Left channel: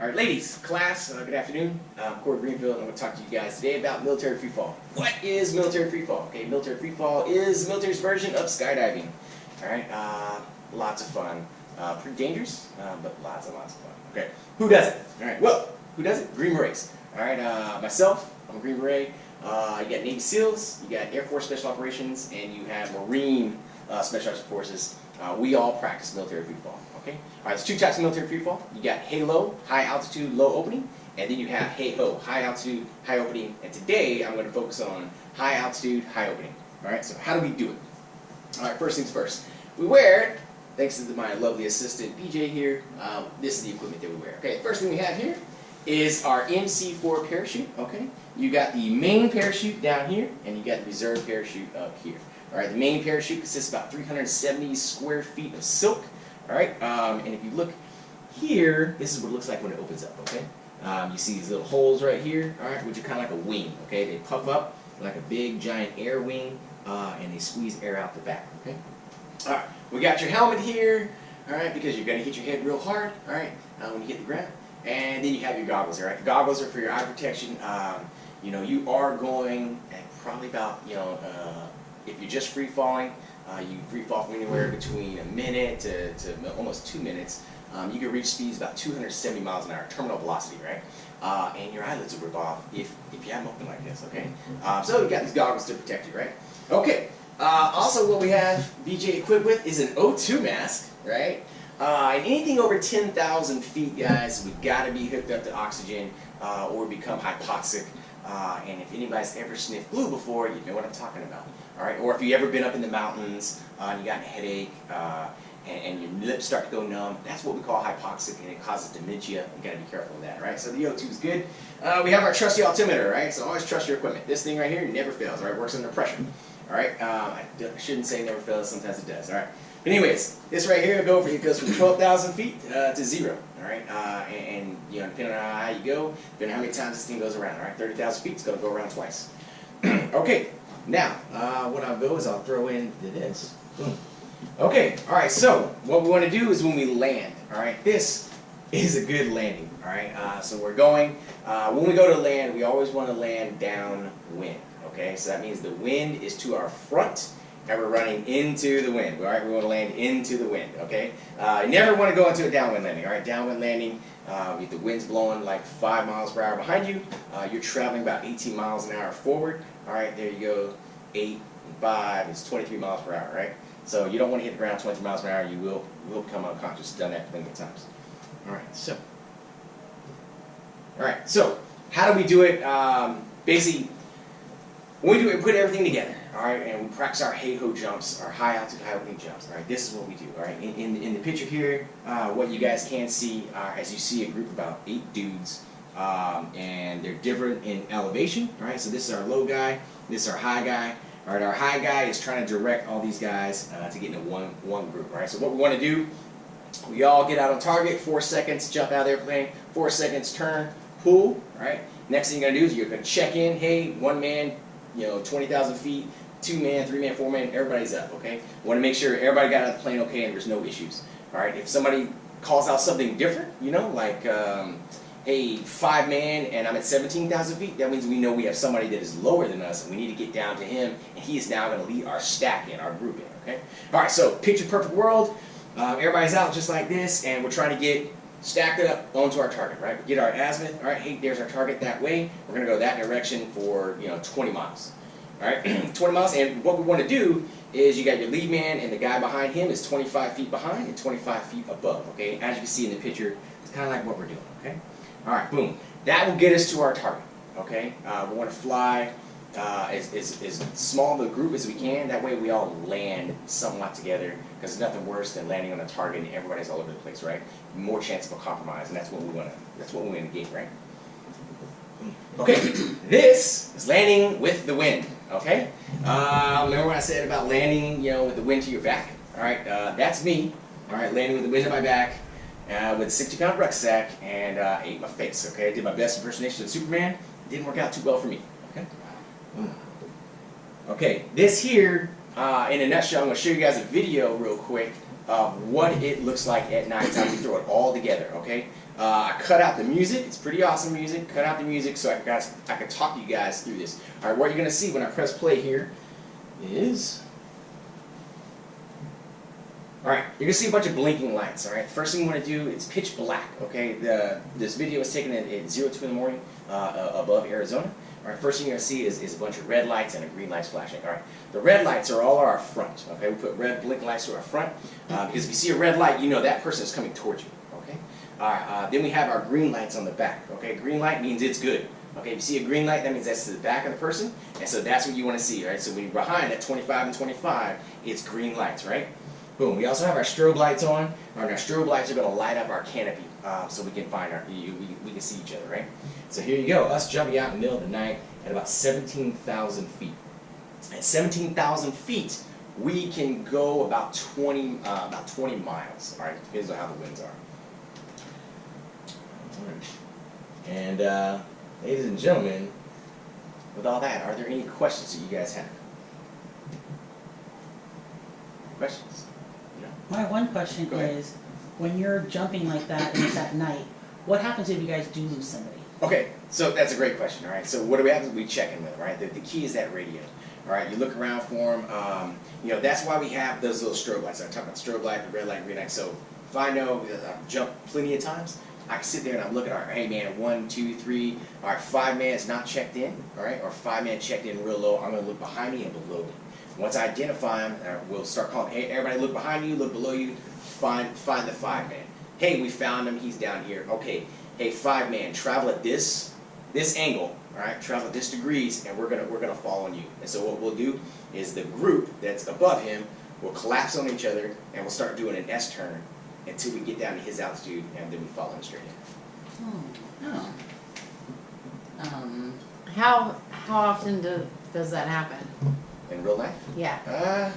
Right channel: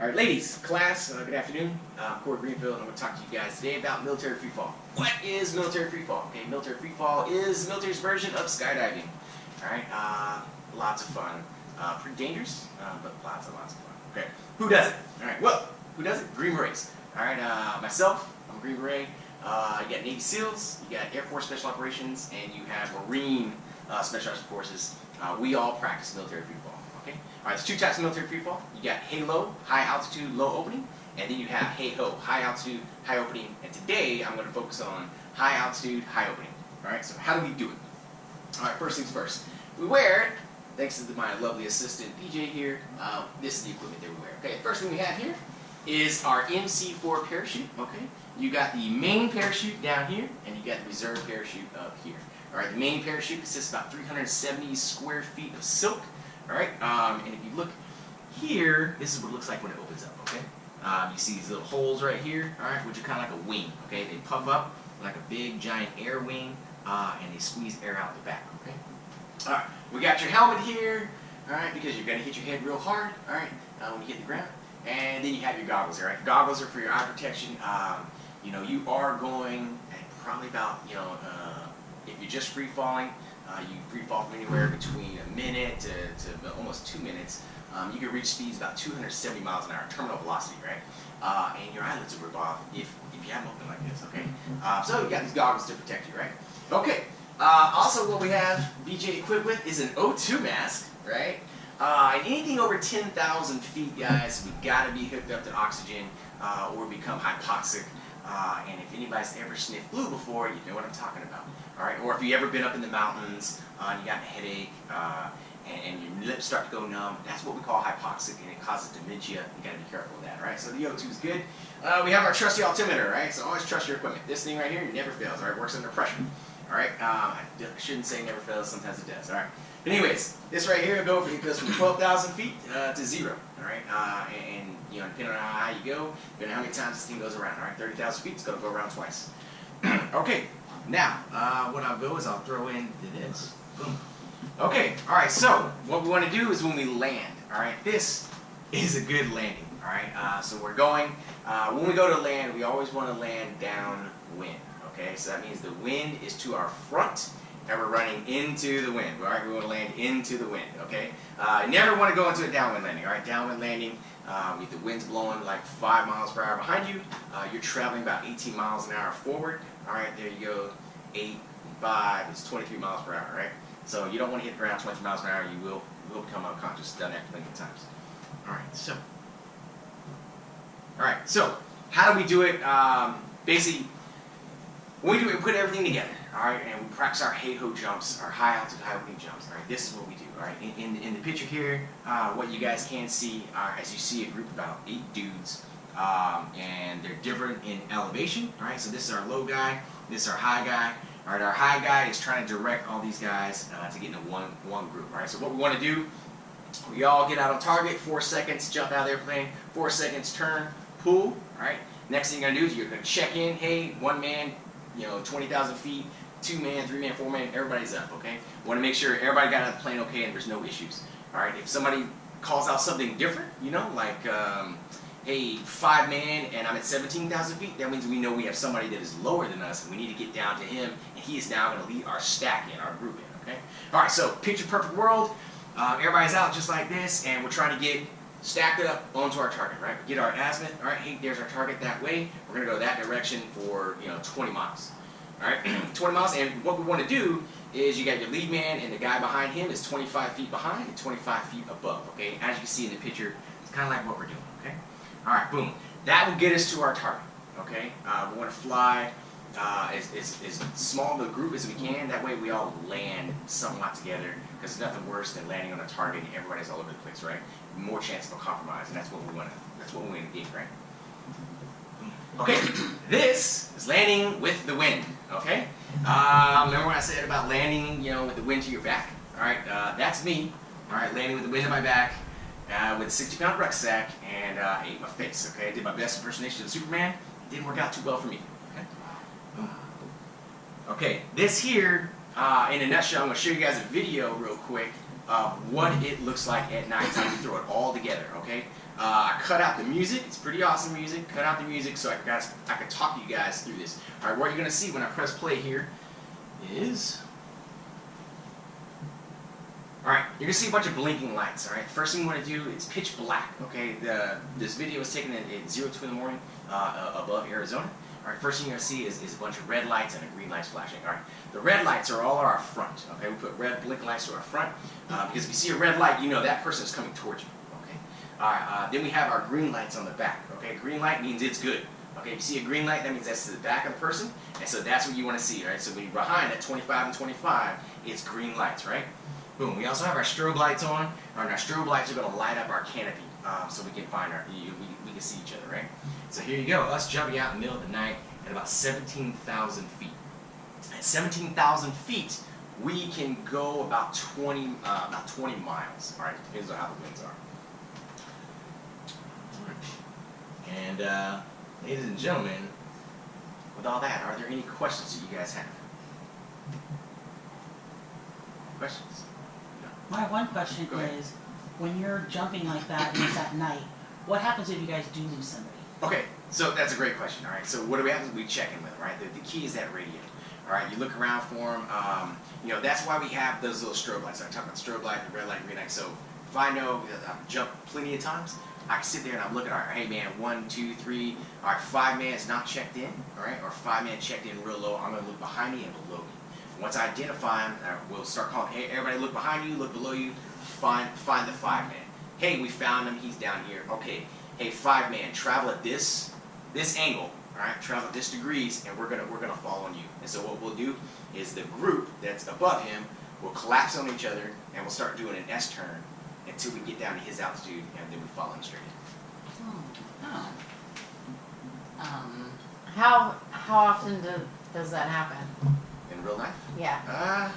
All right, ladies, class, good afternoon. I'm Greenfield, and I'm going to talk to you guys today about military freefall. What is military freefall? Okay, military freefall is the military's version of skydiving. All right, lots of fun. Pretty dangerous, but lots and lots of fun. Okay, who does it? All right, well, who does it? Green Berets. All right, myself, I'm a Green Beret. You got Navy SEALs, you got Air Force Special Operations, and you have Marine Special Forces. We all practice military freefall. Okay. All right. There's two types of military freefall. You got halo, high altitude, low opening, and then you have hey-ho, high altitude, high opening. And today I'm going to focus on high altitude, high opening. All right. So how do we do it? All right. First things first. We wear it. Thanks to my lovely assistant BJ here. This is the equipment that we wear. Okay. The first thing we have here is our MC4 parachute. Okay. You got the main parachute down here, and you got the reserve parachute up here. All right. The main parachute consists of about 370 square feet of silk. All right, and if you look here, this is what it looks like when it opens up, okay? You see these little holes right here, all right, which are kind of like a wing, okay? They puff up like a big, giant air wing, and they squeeze air out the back, okay? All right, we got your helmet here, all right, because you're going to hit your head real hard, all right, when you hit the ground. And then you have your goggles, all right? The goggles are for your eye protection. You know, you are going at probably about, if you're just free falling, you free fall from anywhere between a minute to almost 2 minutes. You can reach speeds about 270 miles an hour, terminal velocity, right? And your eyelids will rip off if you have them open like this, okay? So you got these goggles to protect you, right? Okay. Also, what we have BJ equipped with is an O2 mask, right? And anything over 10,000 feet, guys, we got to be hooked up to oxygen or become hypoxic. And if anybody's ever sniffed glue before, you know what I'm talking about. All right? Or if you've ever been up in the mountains and you got a headache and your lips start to go numb, that's what we call hypoxic, and it causes dementia. You got to be careful of that, right? So the O2 is good. We have our trusty altimeter, right? So always trust your equipment. This thing right here never fails, all right? Works under pressure. All right? I shouldn't say never fails. Sometimes it does, all right? But anyways, this right here goes from 12,000 feet to 0, all right? And you know, depending on how high you go, depending on how many times this thing goes around, all right? 30,000 feet, it's going to go around twice. Okay, now, what I'll go is I'll throw in this. Boom. Okay, all right, so what we want to do is when we land, all right? This is a good landing, all right? So we're going, when we go to land, we always want to land downwind, okay? So that means the wind is to our front, and we're running into the wind, all right? We want to land into the wind, okay? You never want to go into a downwind landing, all right? Downwind landing, if the wind's blowing like 5 miles per hour behind you, you're traveling about 18 miles an hour forward, all right? There you go, 8 and 5 is 23 miles per hour, right? So you don't want to hit the ground 23 miles per hour, you will become unconscious. Done that plenty of times. All right, so how do we do it? Basically, when we do it, we put everything together, all right, and we practice our hey-ho jumps, our high altitude, high opening jumps, all right. This is what we do, all right. In the picture here, what you guys can see, as you see a group of about 8 dudes, and they're different in elevation, all right. So this is our low guy, this is our high guy, all right. Our high guy is trying to direct all these guys to get into one group, all right. So what we want to do, we all get out on target, 4 seconds, jump out of the airplane, 4 seconds, turn, pull, all right. Next thing you're going to do is you're going to check in, hey, 1 man, 20,000 feet, 2 man, 3 man, 4 man, everybody's up, okay? Want to make sure everybody got out of the plane okay and there's no issues, all right? If somebody calls out something different, like, hey, 5 man and I'm at 17,000 feet, that means we know we have somebody that is lower than us and we need to get down to him, and he is now going to lead our stack in, our group in, okay? All right, so picture perfect world. Everybody's out just like this, and we're trying to get stacked up onto our target, right? We get our azimuth, all right, hey, there's our target that way. We're going to go that direction for, 20 miles, all right? 20 miles, and what we want to do is you got your lead man, and the guy behind him is 25 feet behind and 25 feet above, okay? As you can see in the picture, it's kind of like what we're doing, okay? All right, boom. That will get us to our target, okay? We want to fly as small of a group as we can. That way we all land somewhat together, because there's nothing worse than landing on a target and everybody's all over the place, right? More chance of a compromise, and that's what we want to gain, right? Okay, this is landing with the wind, okay? Remember what I said about landing, with the wind to your back? All right, that's me, all right, landing with the wind at my back, with a 60-pound rucksack, and ate my face, okay? I did my best impersonation of Superman. It didn't work out too well for me, okay? Okay, this here, in a nutshell, I'm going to show you guys a video real quick of what it looks like at night time we throw it all together, okay? I cut out the music. It's pretty awesome music. Cut out the music so I can talk to you guys through this. All right, what you're going to see when I press play here is... All right, you're going to see a bunch of blinking lights, all right? First thing you want to do, it's pitch black, okay? This video was taken at 02 in the morning above Arizona. All right, first thing you're going to see is a bunch of red lights and a green lights flashing. All right, the red lights are all our front, okay? We put red blink lights to our front because if you see a red light, you know that person is coming towards you, okay? All right, then we have our green lights on the back, okay? Green light means it's good. Okay, if you see a green light, that means that's to the back of the person, and so that's what you want to see, right? So when you're behind at 25 and 25, it's green lights, right? Boom. We also have our strobe lights on, and our strobe lights are going to light up our canopy so we can find we can see each other, right? So here you go, us jumping out in the middle of the night at about 17,000 feet. At 17,000 feet, we can go about 20 miles. All right, depends on how the winds are. All right. And ladies and gentlemen, with all that, are there any questions that you guys have? Questions? My one question is, when you're jumping like that and it's at night, what happens if you guys do lose somebody? Okay, so that's a great question, all right? So what do we have to we check in with them, right? The key is that radio, all right? You look around for them. You know, that's why we have those little strobe lights. I talked about strobe light, the red light, green light. So if I know I've jumped plenty of times, I can sit there and I'm looking, all right, hey man, 1, 2, 3, all right, 5 man is not checked in, all right? Or 5 man checked in real low. I'm gonna look behind me and below me. Once I identify them, we'll start calling, hey, everybody look behind you, look below you, find the 5 man. Hey, we found him, he's down here. Okay, hey, 5 man, travel at this angle, all right, travel at this degrees, and we're gonna fall on you. And so what we'll do is the group that's above him will collapse on each other, and we'll start doing an S-turn until we get down to his altitude, and then we fall in straight in. How often does that happen? In real life? Yeah. I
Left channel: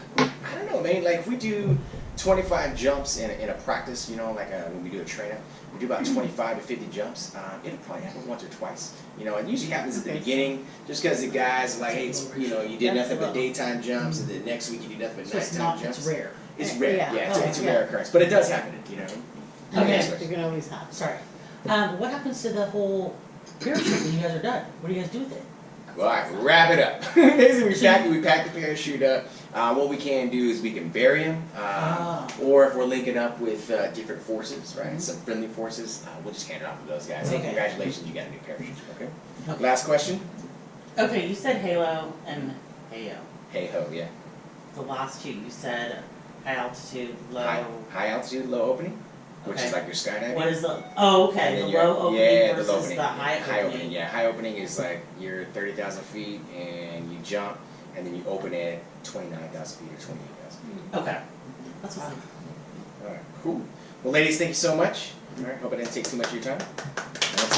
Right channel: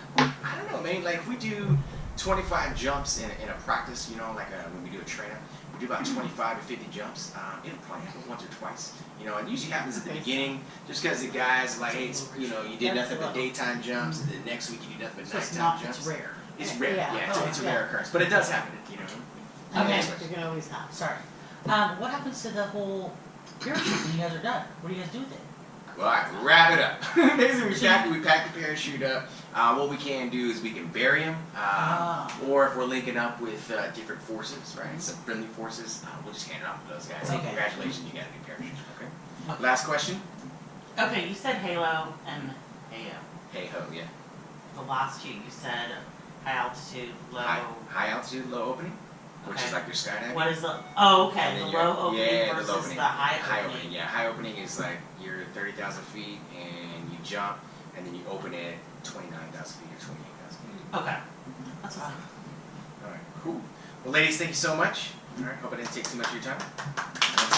don't know, man. Like if we do 25 jumps in a practice, you know, like when we do a train-up, we do about 25 to 50 jumps. It'll probably happen once or twice. You know, it usually happens at the beginning, just because the guys are like, hey, you know, you did nothing but daytime jumps, and then next week you do nothing but nighttime jumps. It's rare. It's rare, yeah. It's a rare occurrence, but it does happen, you know. Okay, you can always happen. Sorry. What happens to the whole parachute when you guys are done? What do you guys do with it? All right, wrap it up. Basically, we pack the parachute up. What we can do is we can bury him, or if we're linking up with different forces, right, some friendly forces, we'll just hand it off to those guys. Hey, congratulations, you got a new parachute. Okay. Last question. Okay, you said halo and heyo. Hey ho, yeah. The last two, you said high altitude, low. High altitude, low opening, which is like your skydiving. What is the? Oh, okay. The low opening versus the high opening. Yeah, high opening is like you're 30,000 feet and you jump, and then you open at 29,000 feet or 28,000 feet. Okay. That's what's All right, cool. Well, ladies, thank you so much. All right, hope I didn't take too much of your time. That's it.